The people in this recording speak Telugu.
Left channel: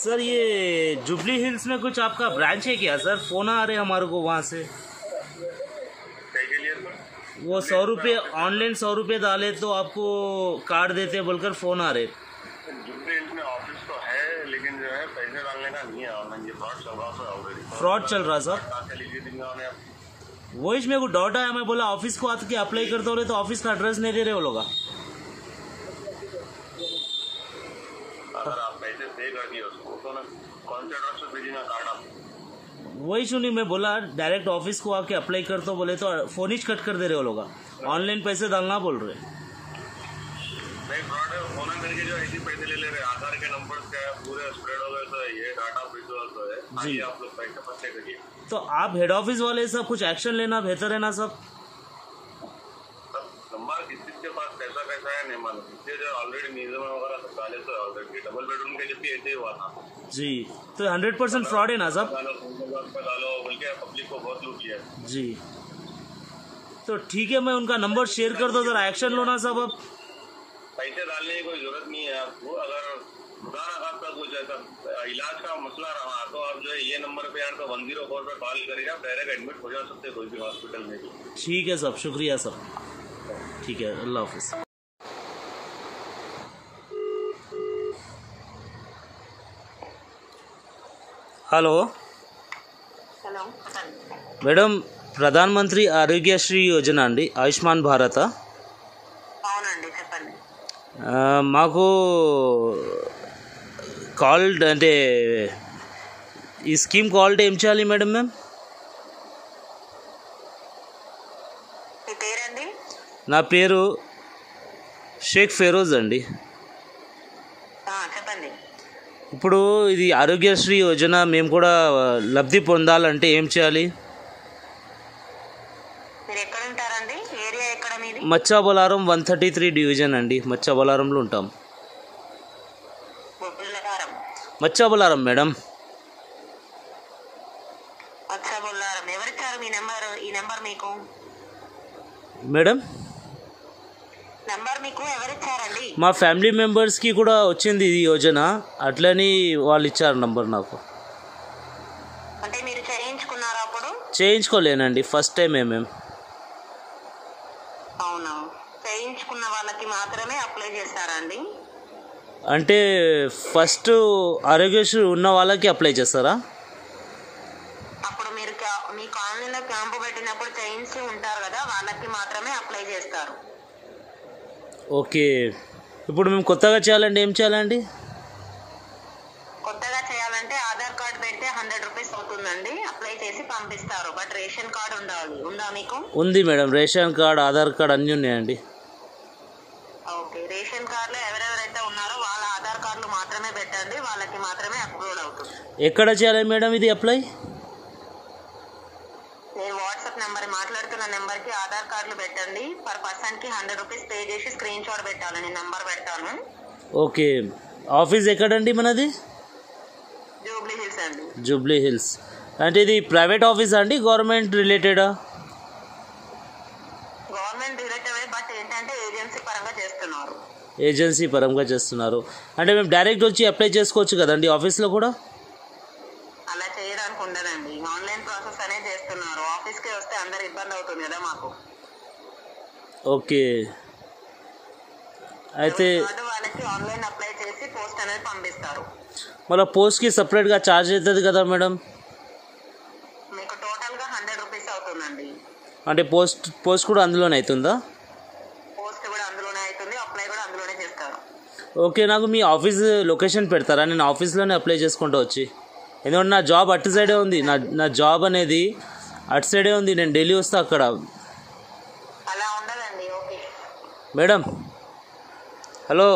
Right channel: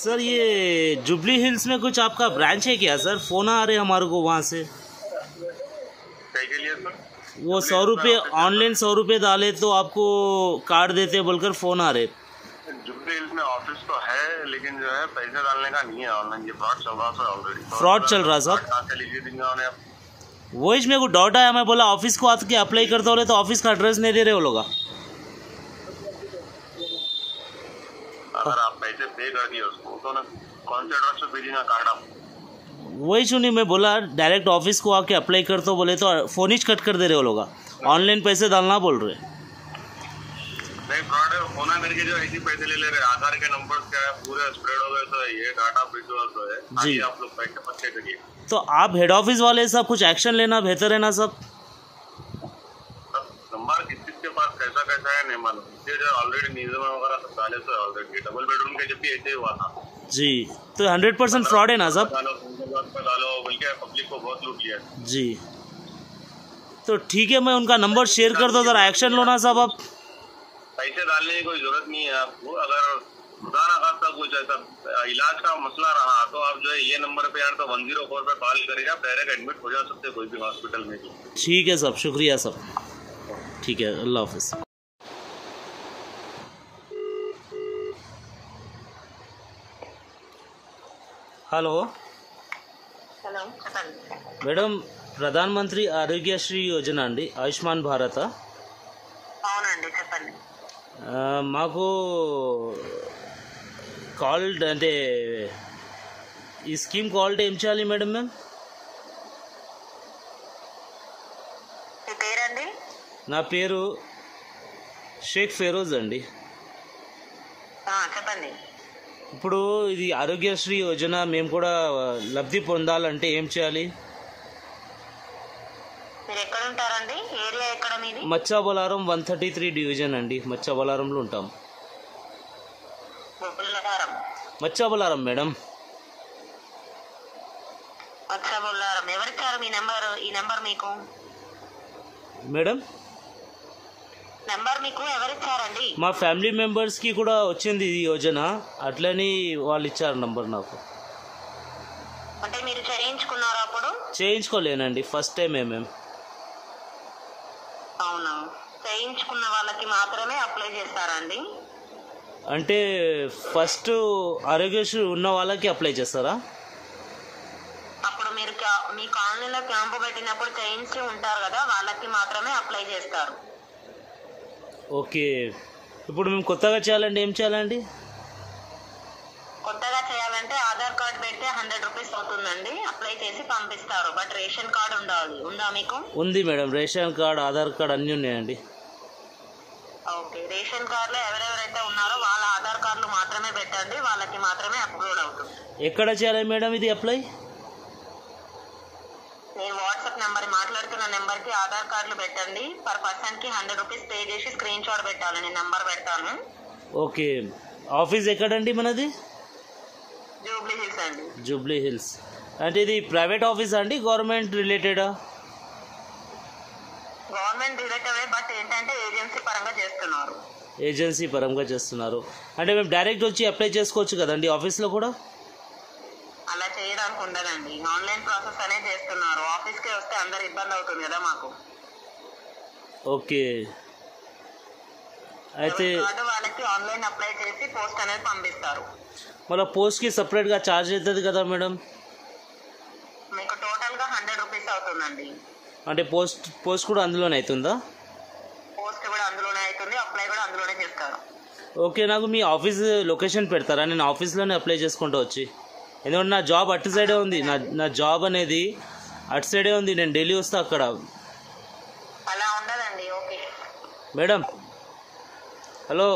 सर ये जुबली हिल्स में कुछ आपका ब्रांच है क्या सर? फ़ोन आ रहे हमारे को वहाँ से। के लिए सर? वो 100 रुपये ऑनलाइन 100 रुपये डाले तो आपको कार्ड देते बोलकर फ़ोन आ रहे। जुबली हिल्स में ऑफिस तो है लेकिन जो है पैसे डालने का नहीं है ऑनलाइन। ये फ्रॉड चल रहा सर ऑलरेडी। फ्रॉड चल रहा सर? वही मेरे को डाउट आया, मैं बोला ऑफिस को आके अप्लाई करते हो तो ऑफिस का एड्रेस नहीं दे रहे वो लोग। अगर आप पैसे पे कर दिए उसको तो ना कौन से एड्रेस पे भेजना कार्ड आप? वही सुनी, मैं बोला डायरेक्ट ऑफिस को आके अप्लाई कर तो बोले तो फ़ोन ही कट कर दे रहे वो लोग। ऑनलाइन पैसे डालना बोल रहे। नहीं फ्रॉड है। फोन मेरे के जो ऐसे पैसे ले रहे। आधार के नंबर क्या है पूरे स्प्रेड हो गए तो ये डाटा विजुअल तो है जी। आप लोग पैसे पक्के करिए। तो आप हेड ऑफिस वाले सब कुछ एक्शन लेना बेहतर है ना सब? नंबर किसके पास कैसा कैसा है नहीं मालूम। इसलिए जो ऑलरेडी नियम वगैरह सब डाले तो ऑलरेडी डबल बेडरूम के जब भी ऐसे ही हुआ था जी। तो 100% फ्रॉड है ना सब? डालो बल्कि पब्लिक को बहुत लूट लिया जी। तो ठीक है, मैं उनका नंबर शेयर कर दो, जरा एक्शन लो ना सब। अब पैसे डालने की कोई जरूरत नहीं है आपको। अगर खुदा ना खास्ता कुछ ऐसा इलाज का मसला रहा तो आप जो है ये नंबर पे यार तो 104 पे कॉल करेगा, डायरेक्ट एडमिट हो जा सकते हैं कोई भी हॉस्पिटल में। ठीक है सब, शुक्रिया सब। ठीक है, अल्लाह हाफिज़। హలో హలో మేడం, ప్రధానమంత్రి ఆరోగ్యశ్రీ యోజన అండి, ఆయుష్మాన్ భారత. అవునండి, చెప్పండి. మాకు కాల్ అంటే ఈ స్కీమ్ కాల్ ఏం చేయాలి మేడం? మేము మీ పేరండి? నా పేరు షేక్ ఫెరోజ్ అండి. చెప్పండి. ఇప్పుడు ఇది ఆరోగ్యశ్రీ యోజన మేము కూడా లబ్ధి పొందాలంటే ఏం చేయాలి? మీరు ఎక్కడ ఉంటారండి? ఏరియా ఎక్కడ మీది? మచ్చాబొలారం 133 డివిజన్ అండి. మచ్చాబొలారంలో ఉంటాం. మచ్చాబొలారం మేడం. మచ్చాబొలారం. ఎవరిచ్చారు మీ నెంబర్? ఈ నెంబర్ మీకు మేడం నెంబర్ మీకు ఎవరిచ్చారండి? మా ఫ్యామిలీ మెంబర్స్కి కూడా వచ్చింది ఈ యోజన, అట్లని వాళ్ళు ఇచ్చారు నంబర్ నాకు. అంటే మీరు చేయించుకున్నారా అప్పుడు? చేయించుకోలేనండి, ఫస్ట్ టైం మేము. అవునా, చేయించుకున్న వాళ్ళకి మాత్రమే అప్లై చేస్తారండి? అంటే ఫస్ట్ ఆరోగ్యశ్రీ ఉన్న వాళ్ళకి అప్లై చేస్తారా? అప్పుడు మీరు మీ కాలనీలో క్యాంపు పెట్టినప్పుడు చేయించి ఉంటారు కదా, వాళ్ళకి మాత్రమే అప్లై చేస్తారు. ఓకే. ఇప్పుడు మేము కొత్తగా చేయాలంటే ఏం చేయాలండి? కొత్తగా చేయాలంటే ఆధార్ కార్డ్ పెడితే 100 రూపీస్ అవుతుందండి. అప్లై చేసి పంపిస్తారు. బట్ రేషన్ కార్డ్ ఉండాలి. ఉందా మీకు? ఉంది madam, ration card, Aadhaar card అన్నీ ఉన్నాయండి. ఓకే, రేషన్ కార్డులో ఎవరెవరైతే ఉన్నారో వాళ్ళ ఆధార్ కార్డులు మాత్రమే పెట్టండి, వాళ్ళకి మాత్రమే అప్లోడ్ అవుతుంది. ఎక్కడ చేయాలి మేడం ఇది అప్లై? నేను వాట్సాప్ నెంబర్ మాట్లాడుతున్న నెంబర్కి ఆధార్ కార్డులు పెట్టండి. పర్ పర్సన్కి 100 రూపీస్ పే చేసి స్క్రీన్ షాట్ పెట్టాలి. నేను నెంబర్ పెడతాను. ఓకే. ఆఫీస్ ఎక్కడండి మనది? జూబ్లీ హిల్స్ అండి. Jubilee hills. అంటే ఇది ప్రైవేట్ ఆఫీస్ అండి, గవర్నమెంట్ రిలేటెడా? గవర్నమెంట్ రిలేటెడే, బట్ ఏంటంటే ఏజెన్సీ పరంగా చేస్తున్నారు. ఏజెన్సీ పరంగా చేస్తున్నారు. అంటే మేము డైరెక్ట్ వచ్చి అప్లై చేసుకోవచ్చు కదండి ఆఫీస్లో కూడా? అలా చేయడానికి ఉండదండి, ఆన్లైన్ ప్రాసెస్ అనేది చేస్తున్నారు. ఆఫీస్కి వస్తే అందరు ఇబ్బంది అవుతుంది కదా మాకు. ఓకే. అయితే వాళ్ళకి ఆన్లైన్ అప్లై చేసి పోస్ట్ అనేది పంపిస్తారు. మళ్ళీ పోస్ట్కి సపరేట్గా ఛార్జ్ అవుతుంది కదా మేడం? మీకు టోటల్గా 100 రూపీస్ అవుతుందండి. అంటే పోస్ట్ కూడా అందులోనే అవుతుందా? పోస్ట్ కూడా అందులోనే అవుతుంది, అప్లై కూడా అందులోనే చేస్తారు. ఓకే. నాకు మీ ఆఫీస్ లొకేషన్ పెడతారా? నేను ఆఫీస్లోనే అప్లై చేసుకుంటూ వచ్చి, ఎందుకంటే నా జాబ్ అటు సైడే ఉంది. నా జాబ్ అనేది అటు సైడే ఉంది, నేను ఢిల్లీ వస్తా అక్కడ. అలా ఉండదండి. Okay madam, hello.